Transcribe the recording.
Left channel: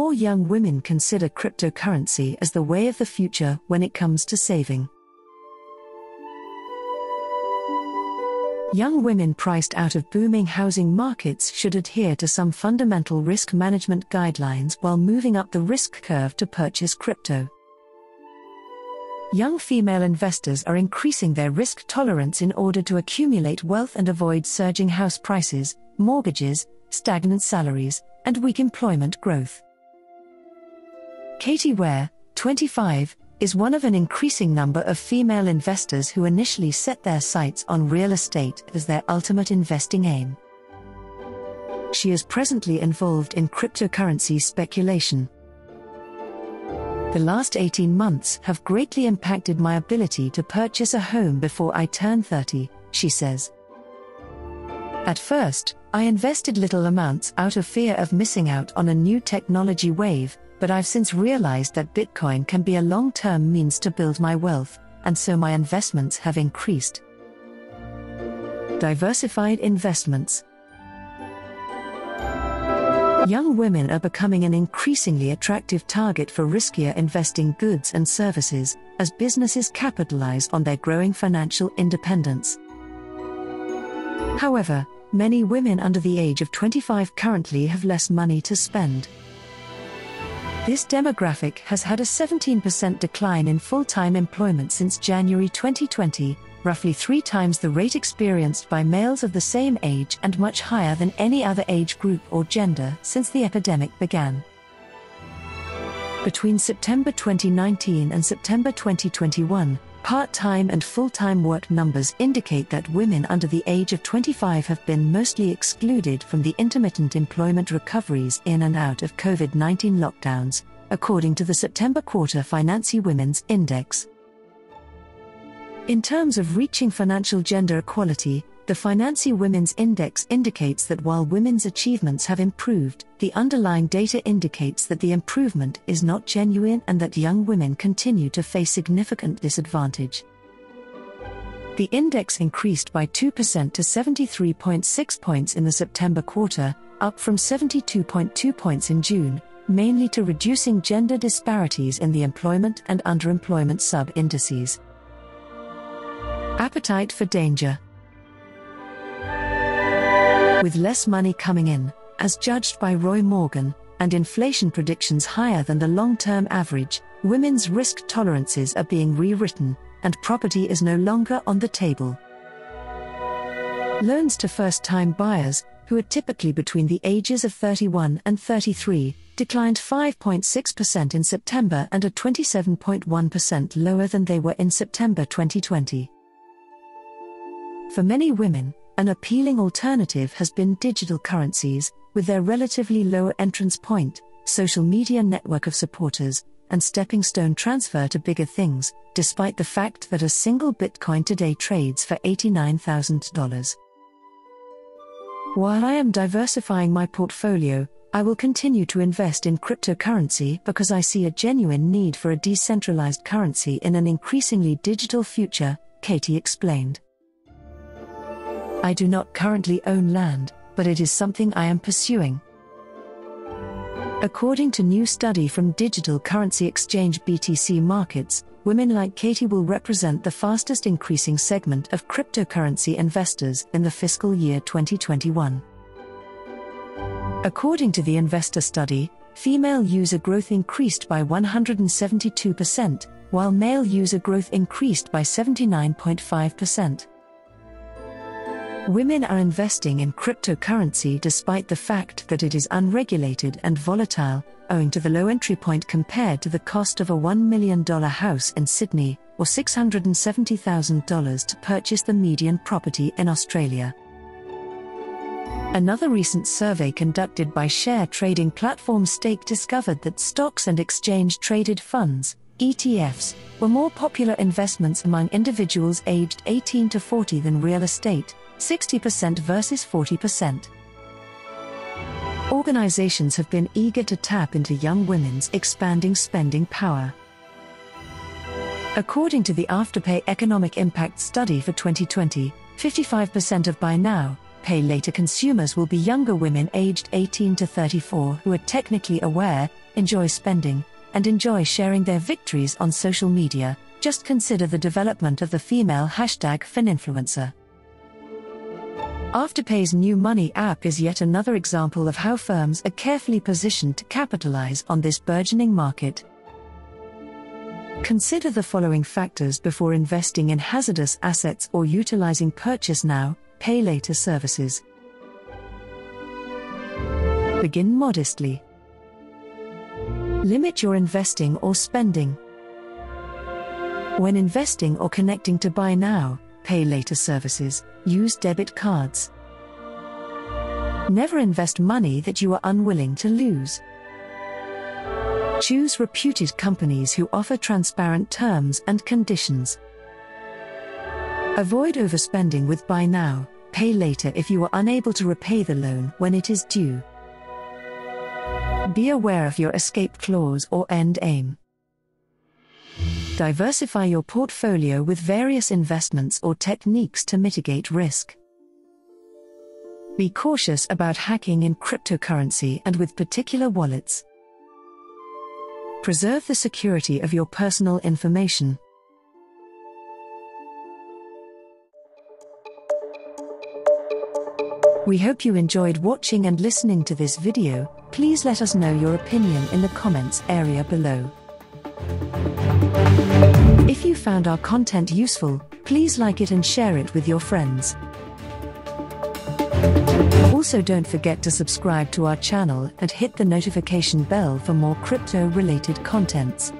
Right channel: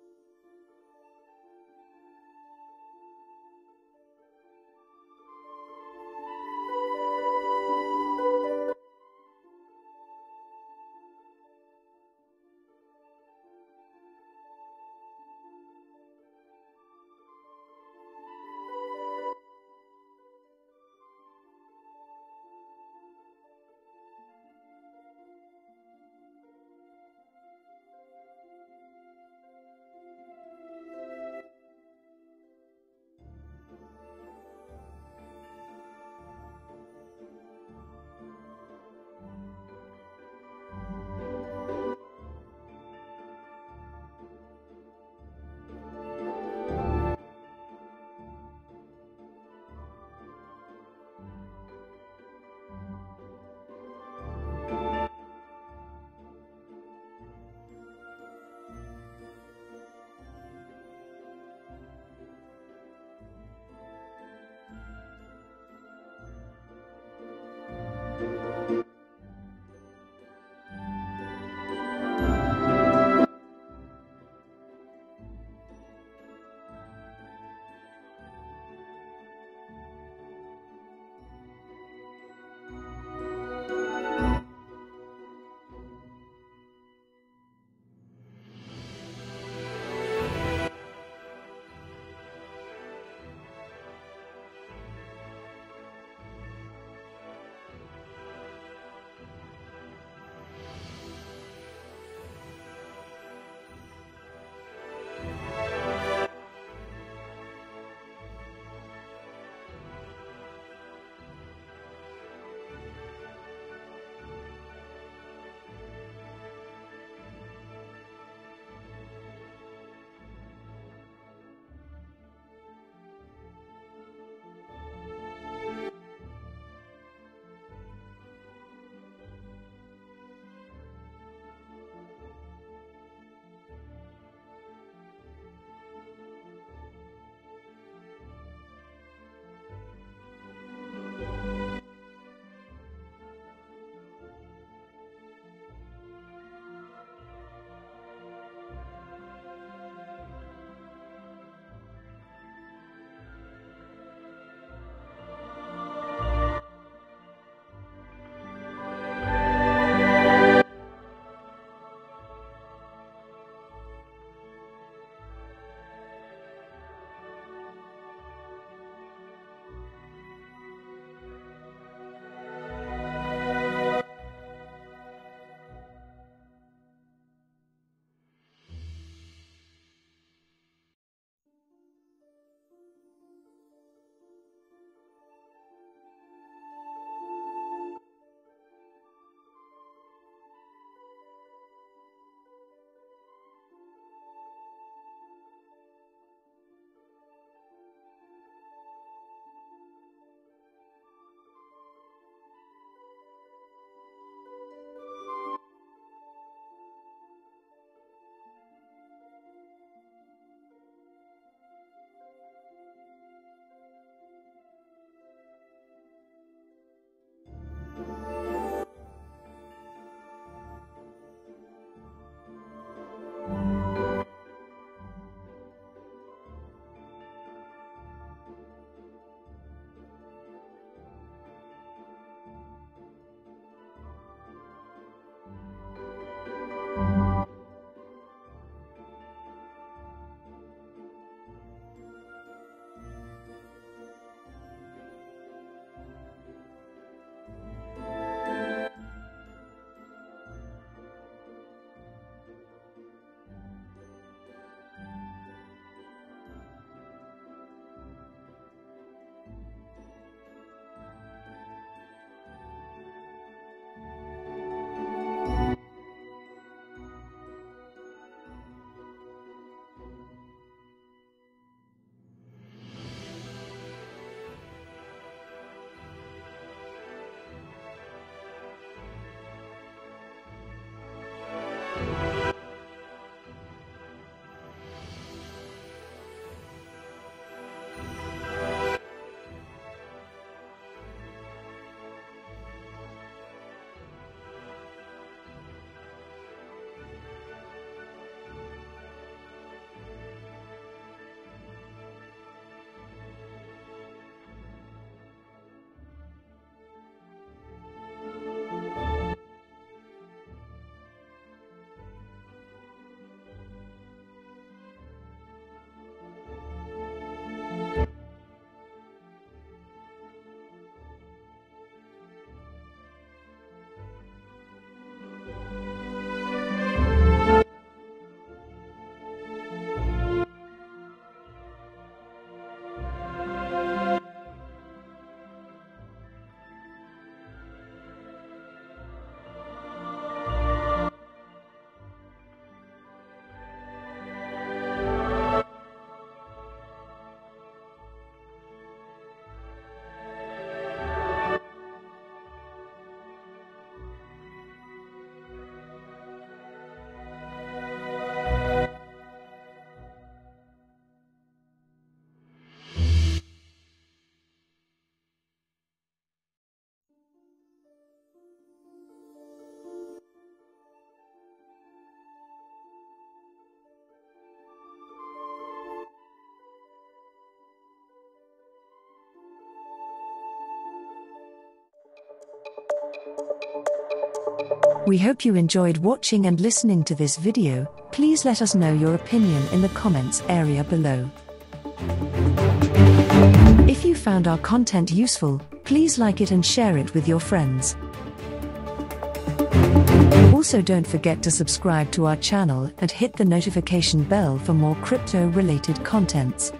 more young women consider cryptocurrency as the way of the future when it comes to saving. Young women priced out of booming housing markets should adhere to some fundamental risk management guidelines while moving up the risk curve to purchase crypto. Young female investors are increasing their risk tolerance in order to accumulate wealth and avoid surging house prices, mortgages, stagnant salaries, and weak employment growth. Katie Ware, 25, is one of an increasing number of female investors who initially set their sights on real estate as their ultimate investing aim. She is presently involved in cryptocurrency speculation. The last 18 months have greatly impacted my ability to purchase a home before I turn 30, she says. At first, I invested little amounts out of fear of missing out on a new technology wave, but I've since realized that Bitcoin can be a long-term means to build my wealth, and so my investments have increased. Diversified investments. Young women are becoming an increasingly attractive target for riskier investing goods and services, as businesses capitalize on their growing financial independence. However, many women under the age of 25 currently have less money to spend. This demographic has had a 17% decline in full-time employment since January 2020, roughly 3 times the rate experienced by males of the same age and much higher than any other age group or gender since the epidemic began. Between September 2019 and September 2021, part-time and full-time work numbers indicate that women under the age of 25 have been mostly excluded from the intermittent employment recoveries in and out of COVID-19 lockdowns, according to the September quarter Financy Women's Index. In terms of reaching financial gender equality, the Financy Women's Index indicates that while women's achievements have improved, the underlying data indicates that the improvement is not genuine and that young women continue to face significant disadvantage. The index increased by 2% to 73.6 points in the September quarter, up from 72.2 points in June, mainly to reducing gender disparities in the employment and underemployment sub-indices. Appetite for danger. With less money coming in, as judged by Roy Morgan, and inflation predictions higher than the long-term average, women's risk tolerances are being rewritten, and property is no longer on the table. Loans to first-time buyers, who are typically between the ages of 31 and 33, declined 5.6% in September and are 27.1% lower than they were in September 2020. For many women, an appealing alternative has been digital currencies, with their relatively low entrance point, social media network of supporters, and stepping stone transfer to bigger things, despite the fact that a single Bitcoin today trades for $89,000. While I am diversifying my portfolio, I will continue to invest in cryptocurrency because I see a genuine need for a decentralized currency in an increasingly digital future, Katie explained. I do not currently own land, but it is something I am pursuing. According to new study from digital currency exchange BTC Markets, women like Katie will represent the fastest increasing segment of cryptocurrency investors in the fiscal year 2021. According to the investor study, female user growth increased by 172%, while male user growth increased by 79.5%. Women are investing in cryptocurrency despite the fact that it is unregulated and volatile, owing to the low entry point compared to the cost of a $1 million house in Sydney, or $670,000 to purchase the median property in Australia. Another recent survey conducted by share trading platform Stake discovered that stocks and exchange-traded funds, ETFs, were more popular investments among individuals aged 18 to 40 than real estate, 60% versus 40%. Organizations have been eager to tap into young women's expanding spending power. According to the Afterpay Economic Impact Study for 2020, 55% of buy now, pay later consumers will be younger women aged 18 to 34 who are technically aware, enjoy spending, and enjoy sharing their victories on social media. Just consider the development of the female #FinInfluencer. Afterpay's new money app is yet another example of how firms are carefully positioned to capitalize on this burgeoning market. Consider the following factors before investing in hazardous assets or utilizing purchase now, pay later services. Begin modestly. Limit your investing or spending. When investing or connecting to buy now, pay later services, use debit cards. Never invest money that you are unwilling to lose. Choose reputed companies who offer transparent terms and conditions. Avoid overspending with buy now, pay later if you are unable to repay the loan when it is due. Be aware of your escape clause or end aim. Diversify your portfolio with various investments or techniques to mitigate risk. Be cautious about hacking in cryptocurrency and with particular wallets. Preserve the security of your personal information. We hope you enjoyed watching and listening to this video. Please let us know your opinion in the comments area below. If you found our content useful, please like it and share it with your friends. Also, don't forget to subscribe to our channel and hit the notification bell for more crypto-related contents.